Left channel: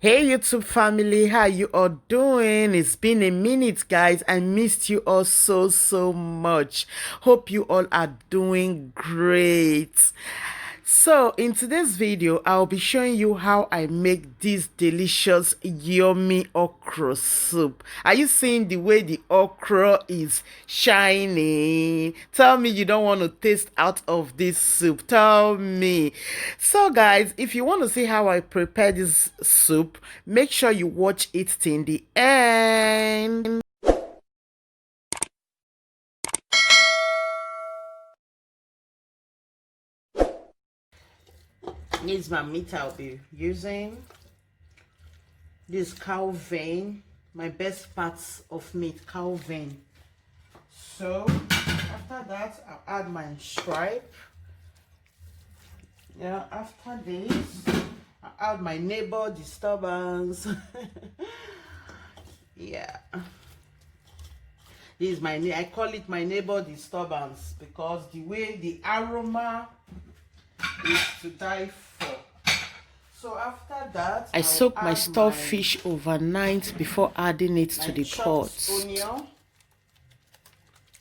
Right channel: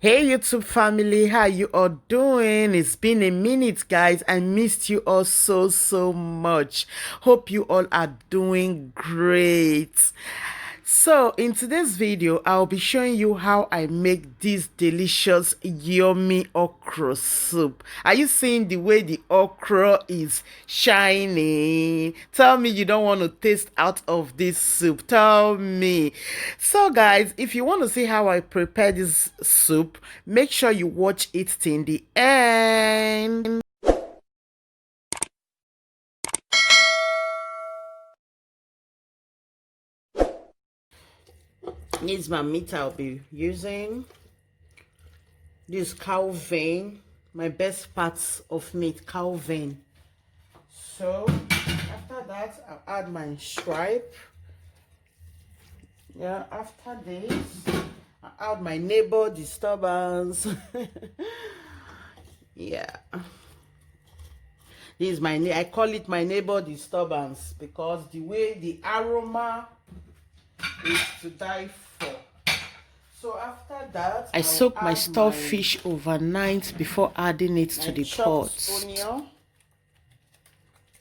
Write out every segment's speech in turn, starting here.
Hey YouTube family, how you all doing? It's been a minute, guys. I missed you all so much. Hope you all are doing great. So in today's video, I'll be showing you how I make this delicious yummy okra soup. Are you seeing the way the okra is shining? Tell me you don't want to taste out of this soup. Tell me. So guys, if you want to see how I prepare this soup, make sure you watch it till the end. This is my meat I'll be using. This cow vein, my best parts of meat, cow vein. So after that, I'll add my stripe. Yeah, after this, I'll add my neighbor disturbance. Yeah, this is my, I call it my neighbor disturbance because the way the aroma is to die for. So after that, I soak my stock fish overnight before adding it to the pot. Onion.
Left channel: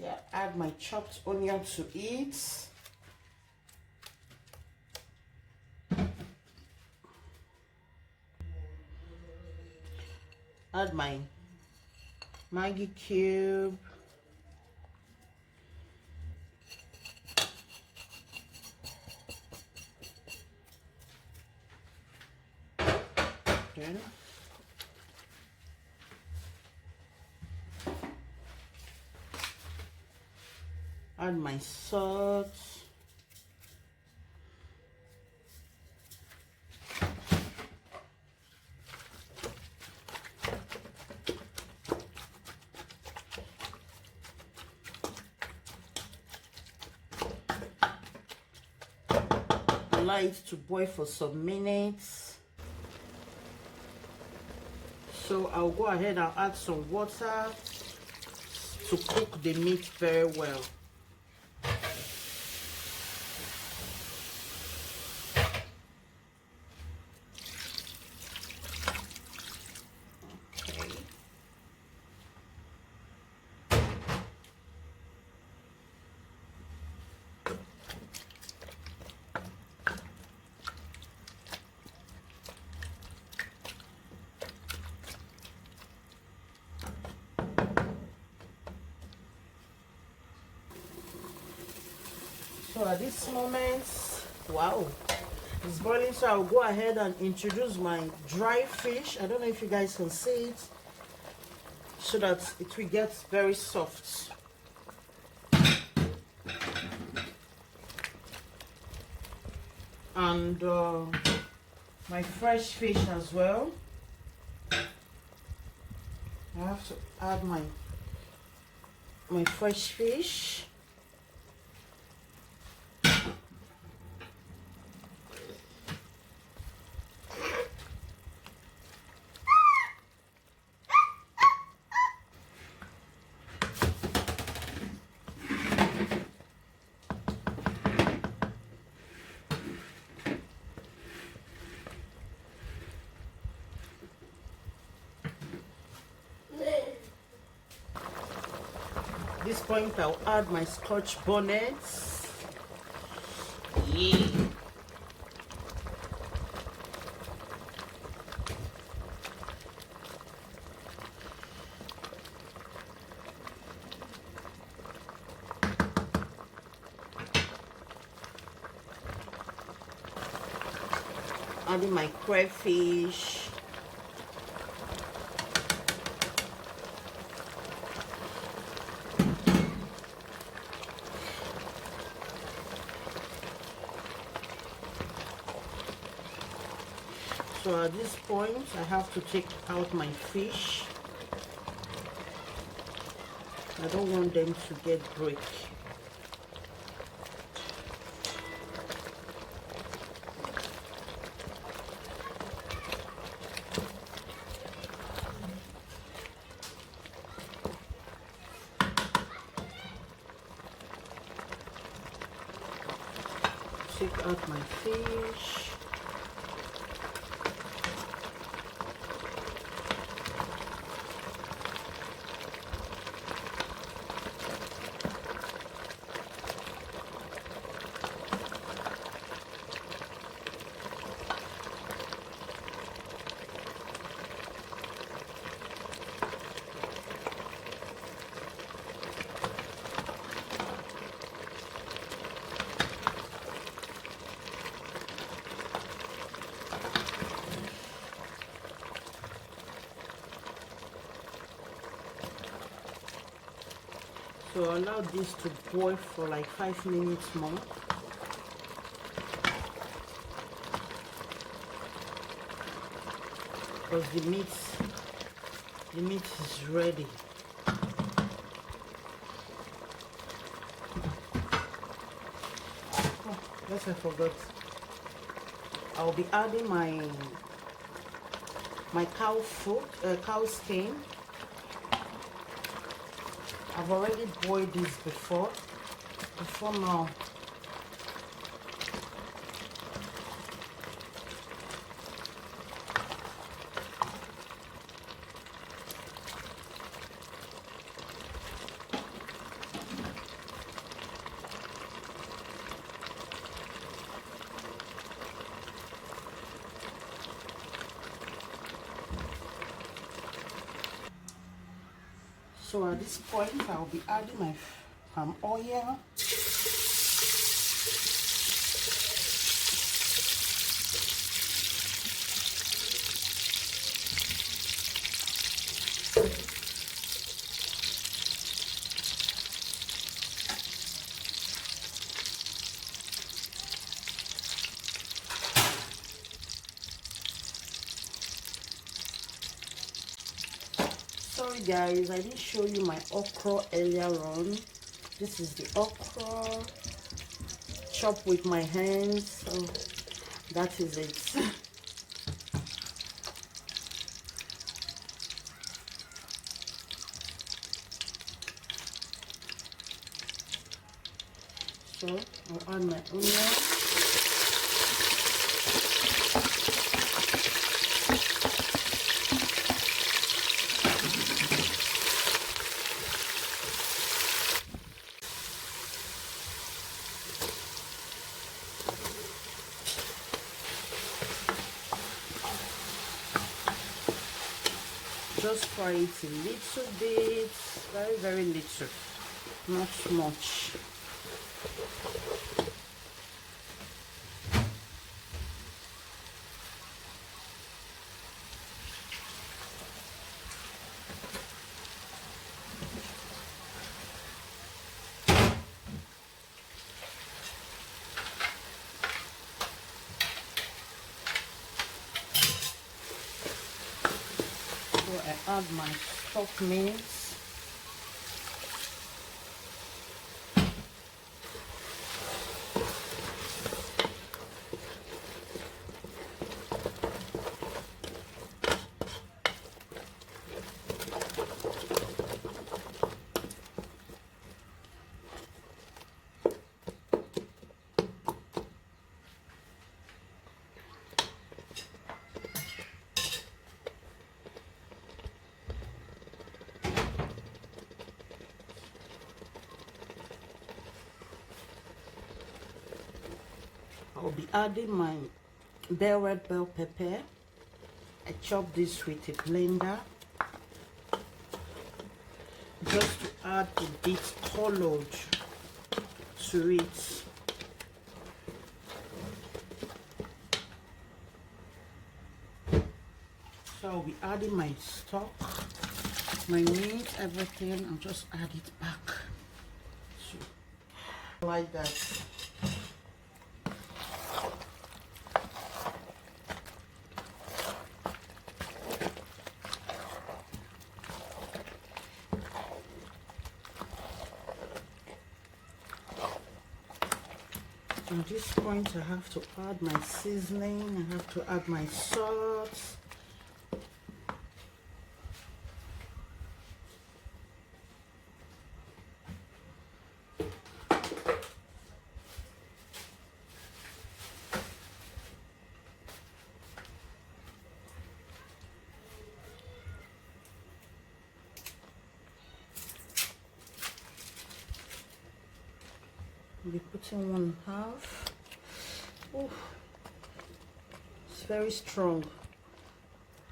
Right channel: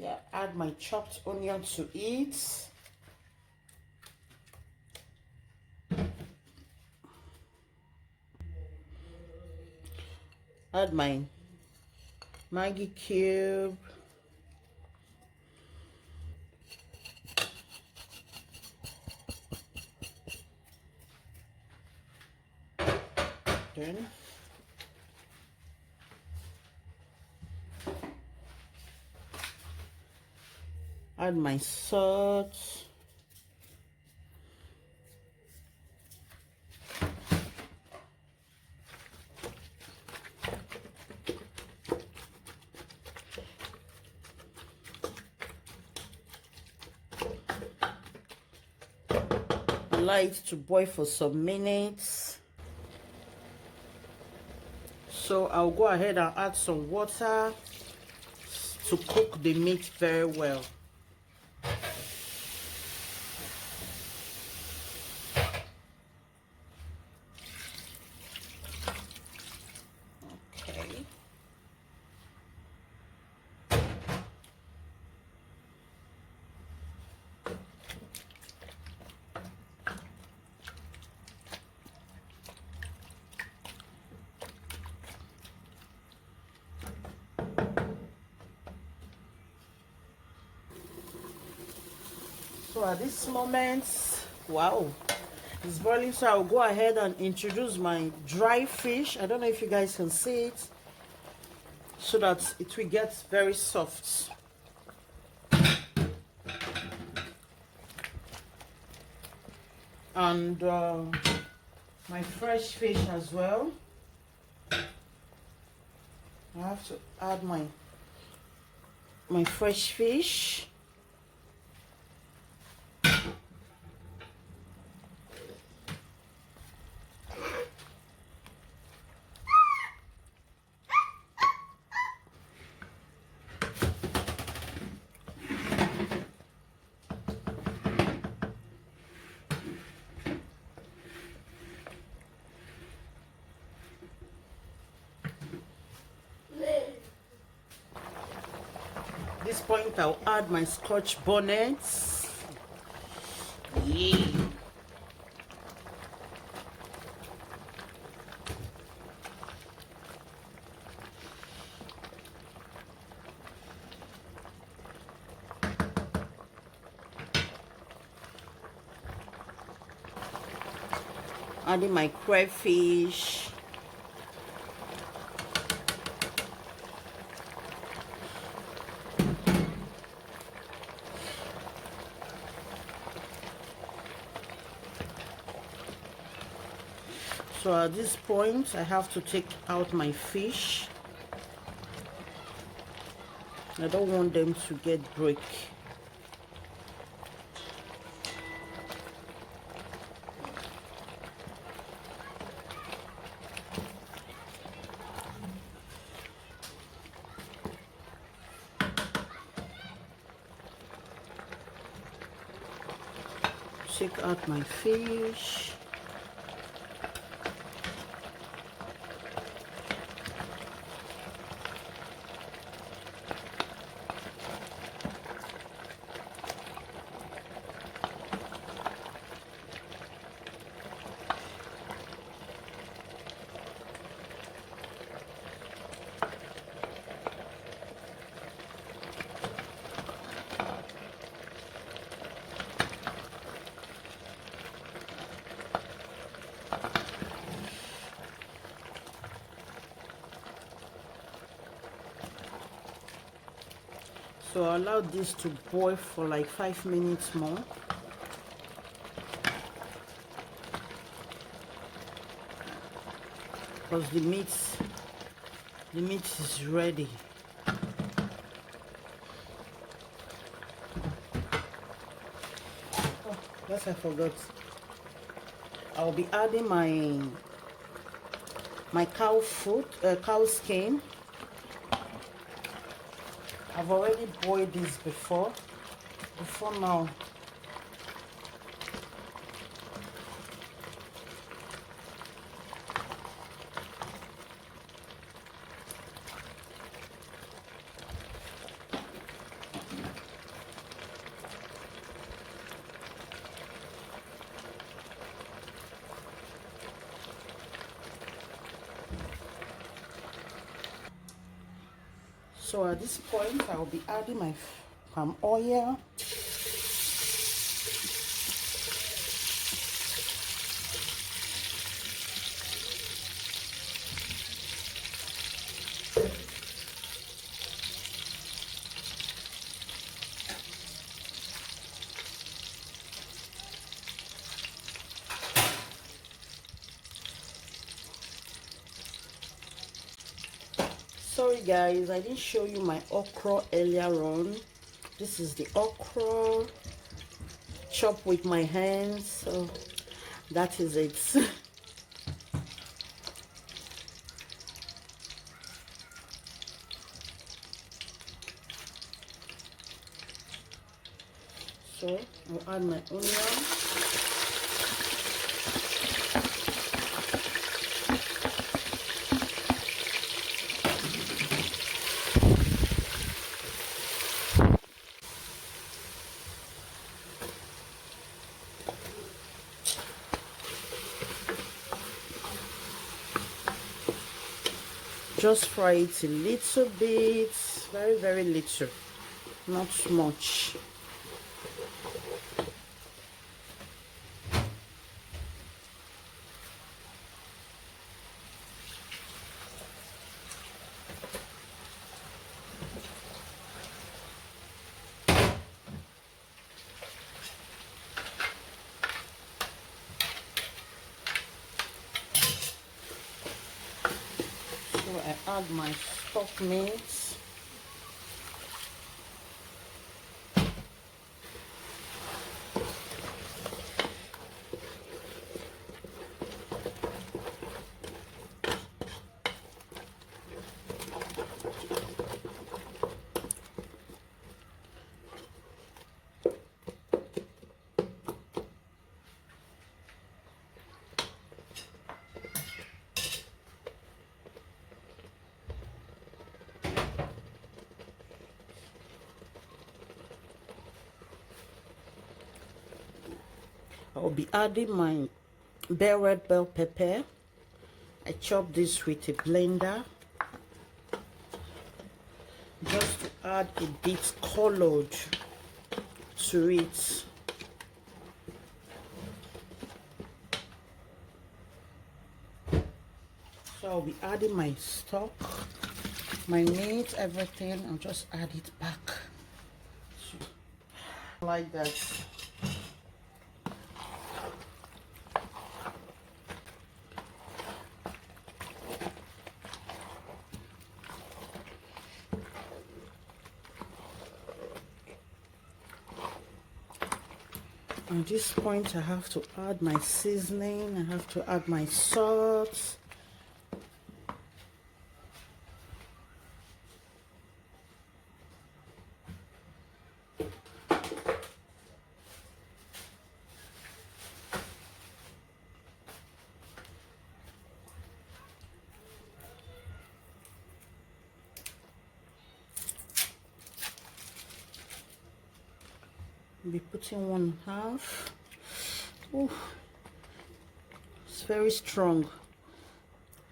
Yeah, add my chopped onion to it. Add my Maggi cube. Then add my salt. Allow it to boil for some minutes. So I'll go ahead and add some water to cook the meat very well. Okay. So at this moment, wow, it's boiling. So I'll go ahead and introduce my dry fish. I don't know if you guys can see it, so that it will get very soft. And my fresh fish as well. I have to add my fresh fish. At this point, I'll add my scotch bonnets. Yeah. Adding my crayfish. So at this point, I have to take out my fish. I don't want them to get break. Take out my fish. So allow this to boil for like 5 minutes more. Because the meat is ready. Oh, yes, I forgot. I'll be adding my cow foot, cow skin. I've already boiled this before now. So at this point, I'll be adding my palm oil. Sorry guys, I didn't show you my okra earlier on. This is the okra chopped with my hands, so that is it. So I'll add my onion. Just fry it a little bit, very little, not much. So I add my stock meat. I'll be adding my red bell pepper. I chop this with a blender just to add a bit colored to it. So I'll be adding my stock, my meat, everything, and just add it back like that. At this point, I have to add my seasoning, I have to add my salt. I'll be putting 1/2. Ooh, it's very strong.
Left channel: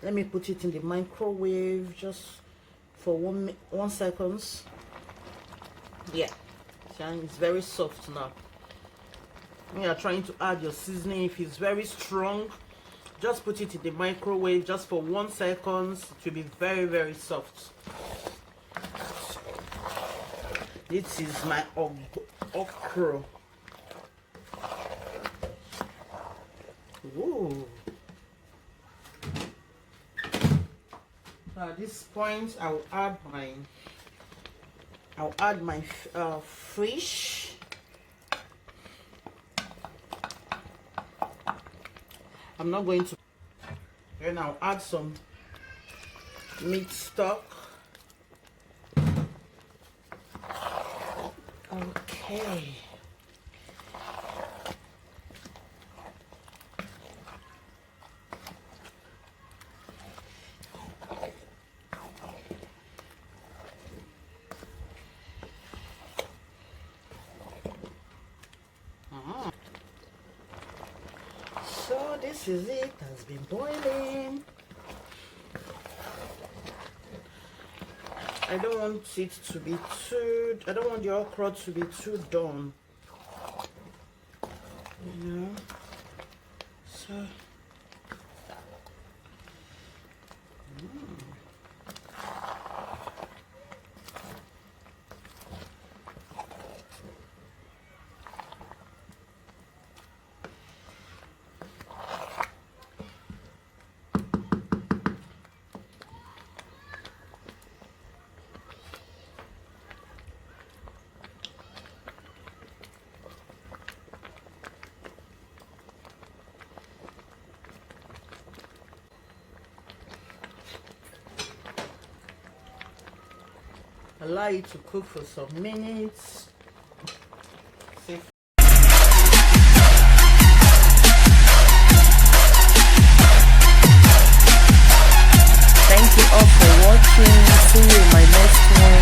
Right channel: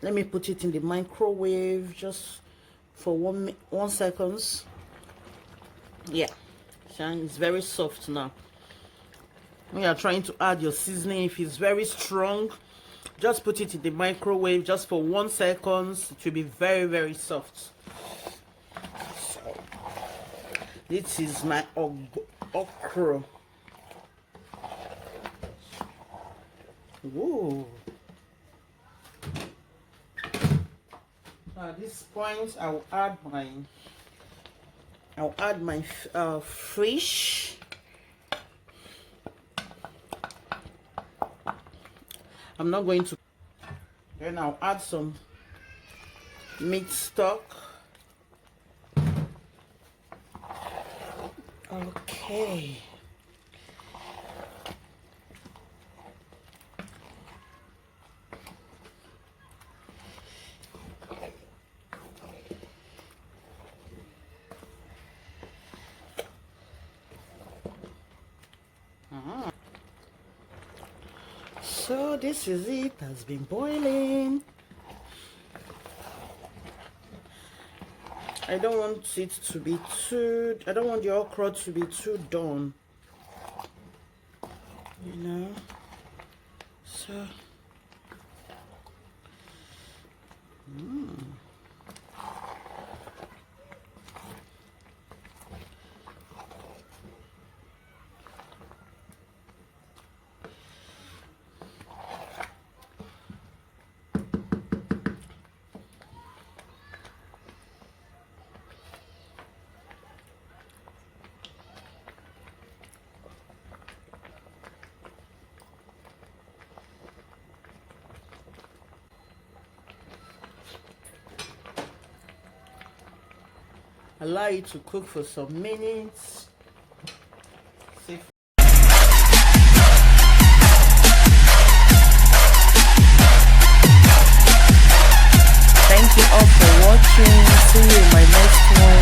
Let me put it in the microwave just for 1 second. Yeah, it's very soft now. When you are trying to add your seasoning, if it's very strong, just put it in the microwave just for 1 second. It will be very soft. This is my okra. Whoa. Now at this point, I'll add my fish. I'm not going to. Then I'll add some meat stock. Okay. So this is it. Has been boiling. I don't want it to be too. I don't want the okra to be too done. You know. So. Allow it to cook for some minutes. Thank you all for watching. See you in my next one.